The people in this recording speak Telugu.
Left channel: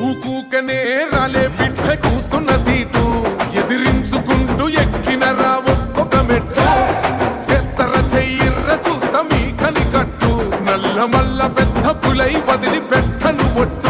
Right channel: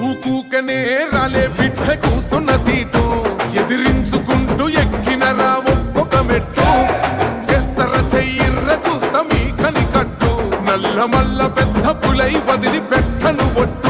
ఊకూకనే రాలే బిడ్డ కూసున్న సీటు ఎదిరించుకుంటూ ఎక్కినరా ఒక్కొక్క మెట్టు చేస్తర చెయ్యిర్ర చూస్తా మీ కనికట్టు నల్ల మల్ల పెద్ద పులై వదిలి పెట్టను ఒట్టు